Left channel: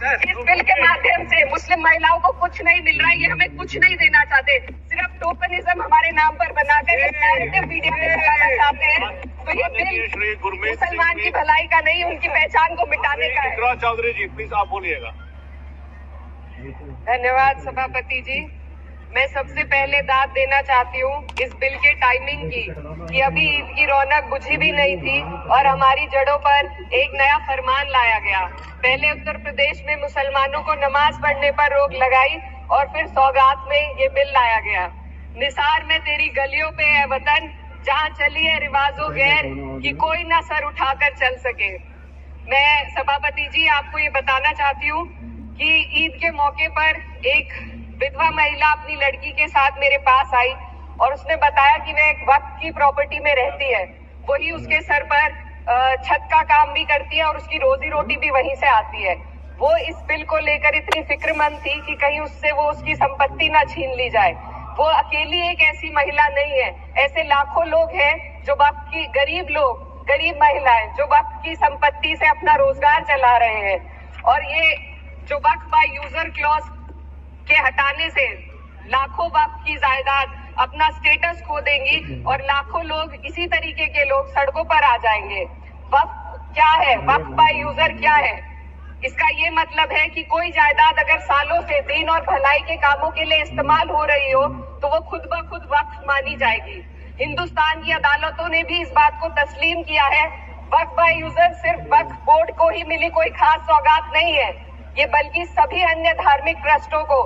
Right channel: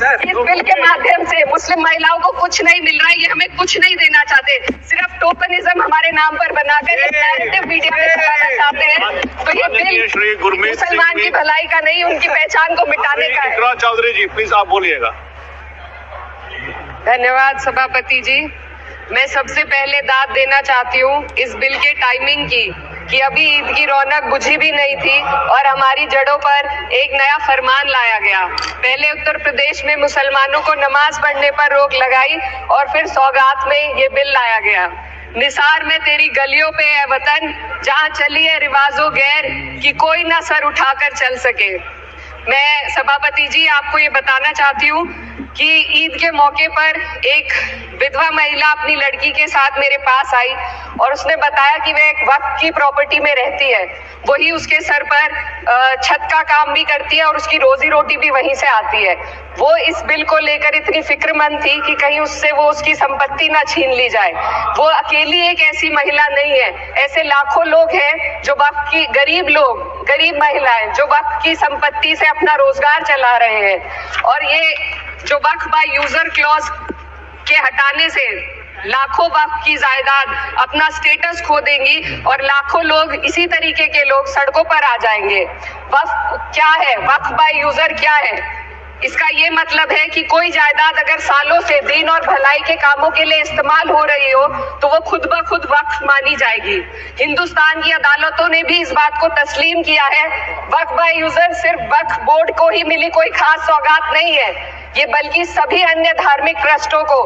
इस बिल के माध्यम से मुस्लिम महिलाओं को कुछ नहीं मिल रहा है, ये हमें कुछ नहीं देना चाहते, सिर्फ टोकनिज्म हमारे नाम पर बनाकर नैरेटिव मीडिया में दिखाना चाहते हैं। तो ये बिल मुसलमान की भलाई का नहीं, उनकी पहचान को मिटाने का है। इकरा चौधरी जी प्लीज आप बोलिएगा। धन्यवाद सभापति जी। मैं सबसे पहले दाद देना चाहती हूँ इस बिल के टाइमिंग की, कि अभी ईद की रौनक बुझी भी नहीं थी और हमारी जड़ों पर एक नया फरमान लाया गया। पहले उत्तर प्रदेश में मुसलमानों को नमाज पढ़ने पर रोक लगाई और फिर सौगात में ये बिल लाया गया। निसार में तेरी गलियों पे है वतन, जहाँ चली है रिवाजो गैर कि कोई ना सर उठाकर चल सके। मैं सभापति जी आपको ये बताना चाहती हूँ कि ईद के मौके पर एक विधवा महिला अपनी लड़की के साथ मेरे पास आई और उसने बताया कि वह एक वक्फ की प्रॉपर्टी में रहती है, वही उसके सर पर छत का काम भी करती है और उसकी रोजी रोटी भी वहीं से आती है। वो इस बिल को लेकर इतनी फिक्रमंद थी कि कहीं उससे वो उसकी संपत्ति ना छीन ली जाए। वो अकेली एक ऐसी महिला नहीं है, ऐसे लाखों लोग हैं जो वक्फ की गरीब महिलाएं जो वक्फ की संपत्ति से अपना रोजगार चला रहे हैं। और ये जो वक्फ बाय यूजर क्लॉज के हटाने से लाखों वक्फ की जायदाद अपना स्टेटस खो देंगी और लाखों लोग इसी तरीके के लोग सड़कों पर आ जाएंगे। वक्फ क्या है, वक्फ बाय यूजर क्या है? इसका ये मतलब है कि कोई जायदाद अगर सालों से दीन और भलाई के कामों के लिए इस्तेमाल हो रही हो तो वो खुद ब खुद वक्फ मानी जाएगी। हिंदुस्तान की अदालतों ने भी इस बात को तस्लीम किया है। वक्फ बाय यूजर सिर्फ वक्फ बोर्ड को ही मिली कोई खास सौगात नहीं है, ये बल्कि सभी अन्य धार्मिक ट्रस्टों को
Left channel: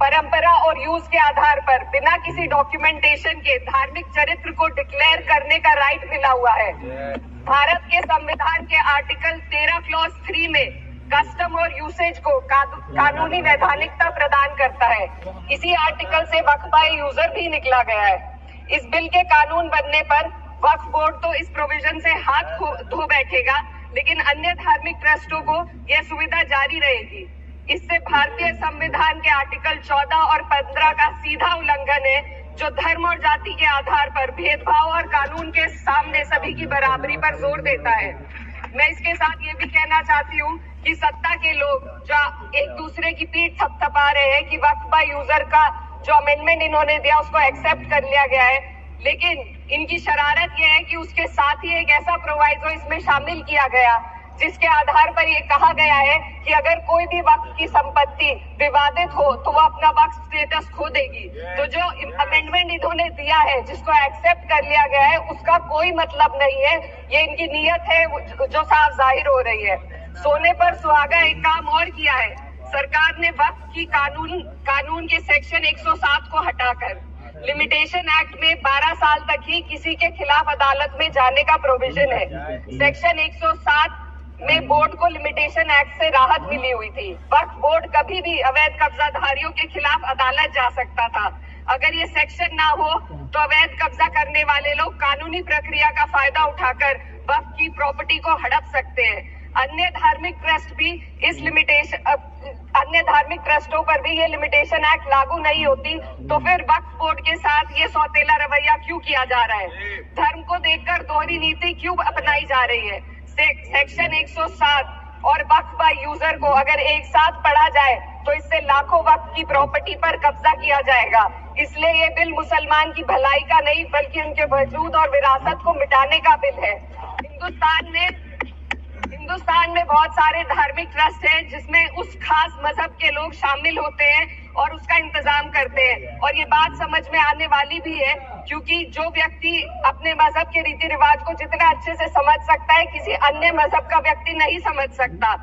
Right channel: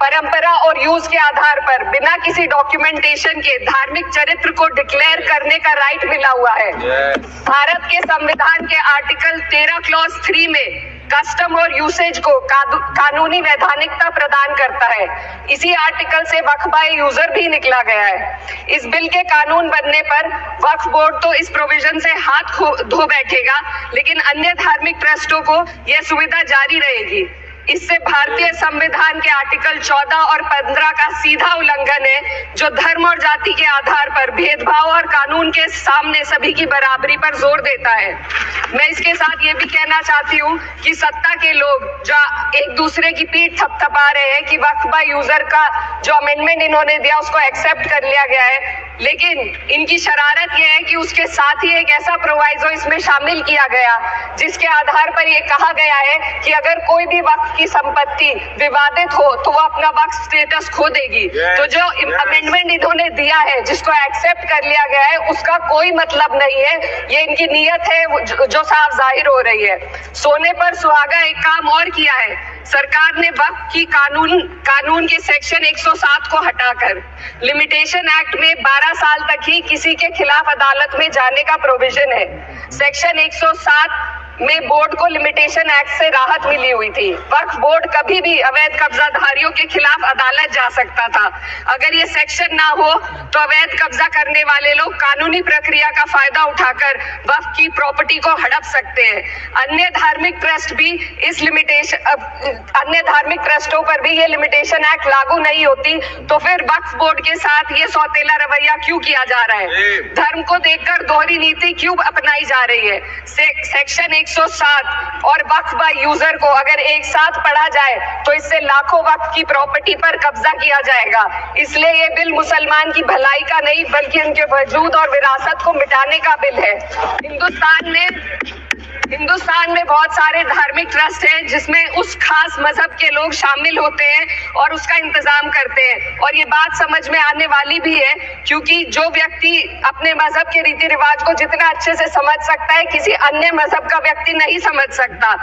परंपरा और यूज के आधार पर बिना किसी डॉक्यूमेंटेशन के धार्मिक चरित्र को डिक्लेयर करने का राइट मिला हुआ है। भारत के संविधान के आर्टिकल 13 क्लॉज 3 में कस्टम और यूसेज को कानूनी वैधानिकता प्रदान करता है। इसी आर्टिकल से वक्फ बाय यूजर भी निकला गया है। इस बिल के कानून बनने पर वक्फ बोर्ड तो इस प्रोविजन से हाथ धो बैठेगा, लेकिन अन्य धार्मिक ट्रस्टों को यह सुविधा जारी रहेगी। इससे भारतीय संविधान के आर्टिकल 14 और 15 का सीधा उल्लंघन है, जो धर्म और जाति के आधार पर भेदभाव और कानून के सामने सभी की बराबरी पर जोर देता है। मैं इसके साथ ये भी कहना चाहती हूँ कि सत्ता के लोग जो एक दूसरे की पीठ थपथपा रहे हैं कि वक्फ बाय यूजर का जो अमेंडमेंट इन्होंने दिया उसको एक्सेप्ट कर लिया गया है, लेकिन इनकी शरारत यह है कि उसके साथ ही एक ऐसा प्रोवाइजो इसमें शामिल किया गया जिसके आधार पर यह कहा गया है कि अगर कोई भी वक्फ की संपत्ति विवादित हो तो वो अपना वक्फ स्टेटस खो देगी। तो जो अमेंडमेंट इन्होंने दिया है जिसको एक्सेप्ट कर लिया गया है उसका कोई मतलब नहीं है, ये इनकी नीयत है जो साफ जाहिर हो रही है। सोने पर सुहागा एक काम और किया है, सरकार ने वक्फ की कानून के सेक्शन 107 को हटाकर लिमिटेशन एक्ट में 12 साल तक ही किसी के खिलाफ अदालत में जाने का प्रोविजन है। सेक्शन 107 में बोर्ड को लिमिटेशन एक्ट से राहत मिली हुई थी। वक्फ बोर्ड कभी भी अवैध कब्जाधारियों के खिलाफ अदालत जा सकता था। अगर ये सेक्शन ना हो तो अवैध कब्जा करने वाले लोग कानूनी प्रक्रिया का फायदा उठाकर वक्फ की प्रॉपर्टी को हड़प सकते हैं। अन्य धार्मिक ट्रस्टों पर भी ये लिमिटेशन एक्ट लागू नहीं होती, तो फिर वक्फ बोर्ड के साथ ये सौतेला रवैया क्यों किया जा रहा है? धर्म को देखकर दोहरी नीति क्यों अपनाई जा रही है? सेक्शन 107 और वक्फ बाय यूजर को अगर एक साथ पढ़ा जाए तो इससे लाखों वक्फ की प्रॉपर्टी पर कब्जा किया जाएगा। इसलिए ये बिल मुसलमान की भलाई का नहीं बल्कि उनके वजूद और विरासत को मिटाने का बिल है। हिंदुस्तान में बहुत सारे धार्मिक ट्रस्ट हैं जिसमें उस खास मजहब के लोग शामिल होते हैं और उसका इंतजाम करते हैं, और ये बात समझ में आने वाली भी है क्योंकि जो व्यक्ति अपने मजहब के रीति रिवाज को जितना अच्छे से समझ सकता है किसी अन्य मजहब का व्यक्ति नहीं समझ सकता।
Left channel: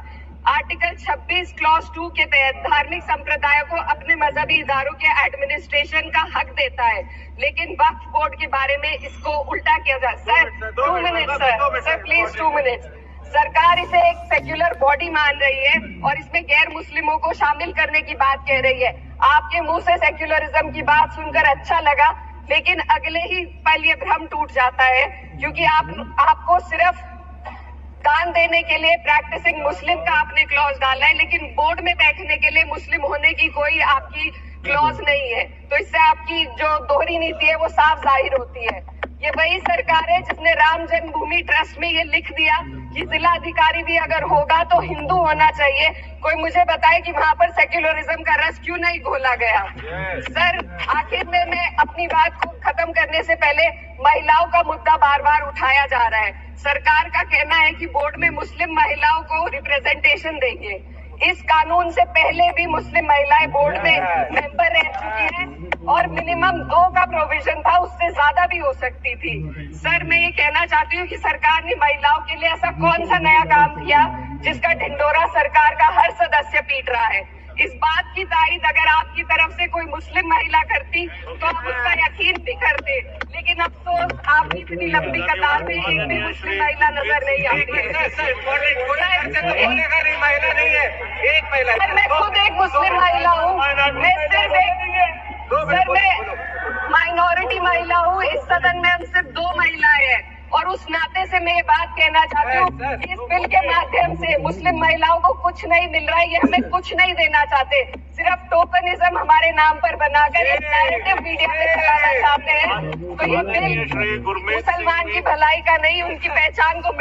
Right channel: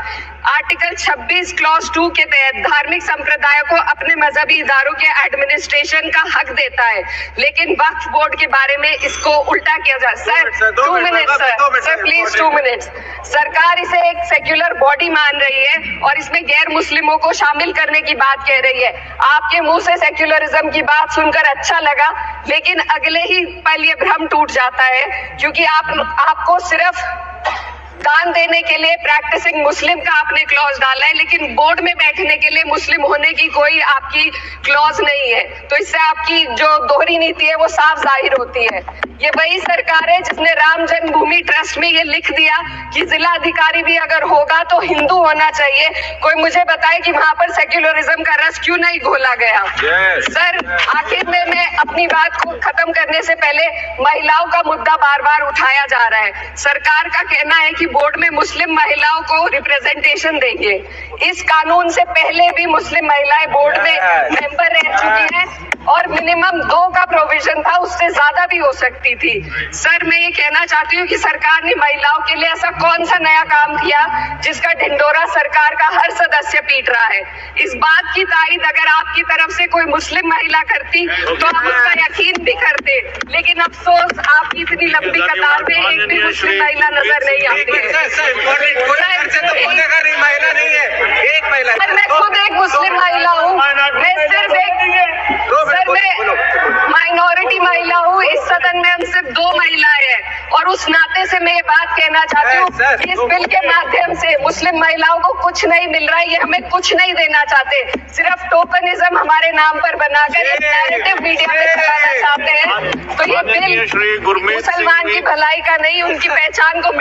आर्टिकल 26 क्लॉज 2 के तहत धार्मिक संप्रदाय को अपने मजहबी इदारों के एडमिनिस्ट्रेशन का हक देता है, लेकिन वक्फ बोर्ड के बारे में इसको उल्टा किया जा रहा है। Sir 2 minute sir please 2 minutes. सरकार इसे एक सेक्युलर बॉडी मान रही है और इसमें गैर मुस्लिमों को शामिल करने की बात कह रही है। आपके मुंह से सेक्युलरिज्म की बात सुनकर अच्छा लगा, लेकिन अगले ही पल ये भ्रम टूट जाता है क्योंकि आपको सिर्फ दान देने के लिए प्रैक्टिसिंग मुस्लिम का आपने क्लॉज डाला है, लेकिन बोर्ड में बैठने के लिए मुस्लिम होने की कोई आपकी क्लॉज नहीं है। तो इससे आपकी जो दोहरी नीति है वो साफ जाहिर होती है। ये वही सरकार है जिसने राम जन्मभूमि ट्रस्ट में ये लिख दिया कि जिला अधिकारी भी अगर होगा तो हिंदू होना चाहिए। कोई मुझे बताए कि वहां पर सेक्युलरिज्म का रस क्यों नहीं घोला गया? सर, आखिर में मैं अपनी बात को खत्म करने से पहले महिलाओं का मुद्दा बार बार उठाया जा रहा है। सरकार का कहना है कि बोर्ड में मुस्लिम महिलाओं को रिप्रेजेंटेशन देंगे। इस कानून से पहले भी मुस्लिम महिलाएं बोर्ड में मेंबर रह चुकी हैं और मिनिमम 2 का प्रोविजन था, उससे ज्यादा भी हो सकती थी। सर, मैं ये कहना चाहती हूँ कि सरकार ने महिलाओं के लिए ऐसा कौन सा नया काम किया जिसका ढिंडोरा सरकार का हर सदस्य पीट रहा है? इस बात की तारीफ अगर आपकी तरफ से कोई मुस्लिम महिला करती तो आप उसका यकीन भी करते, लेकिन अफसोस आपकी इतनी लंबी कतार में एक भी मुस्लिम महिला नजर नहीं आती है। सर, मैं खुद एक मुस्लिम महिला हूँ, मैं सिर्फ माइनॉरिटी महिला हूँ। इस सदन में हम सिर्फ 2 महिलाएं हैं और उस नाते से मैं ये बात कहना चाहती हूँ कि इस बिल के माध्यम से मुस्लिम महिलाओं को कुछ नहीं मिल रहा है। ये हमें कुछ नहीं देना चाहते, सिर्फ टोकनिज्म हमारे नाम पर बनाकर एक नैरेटिव मीडिया में फैलाना चाहते हैं। तो ये बिल मुसलमान की भलाई का नहीं, उनकी पहचान को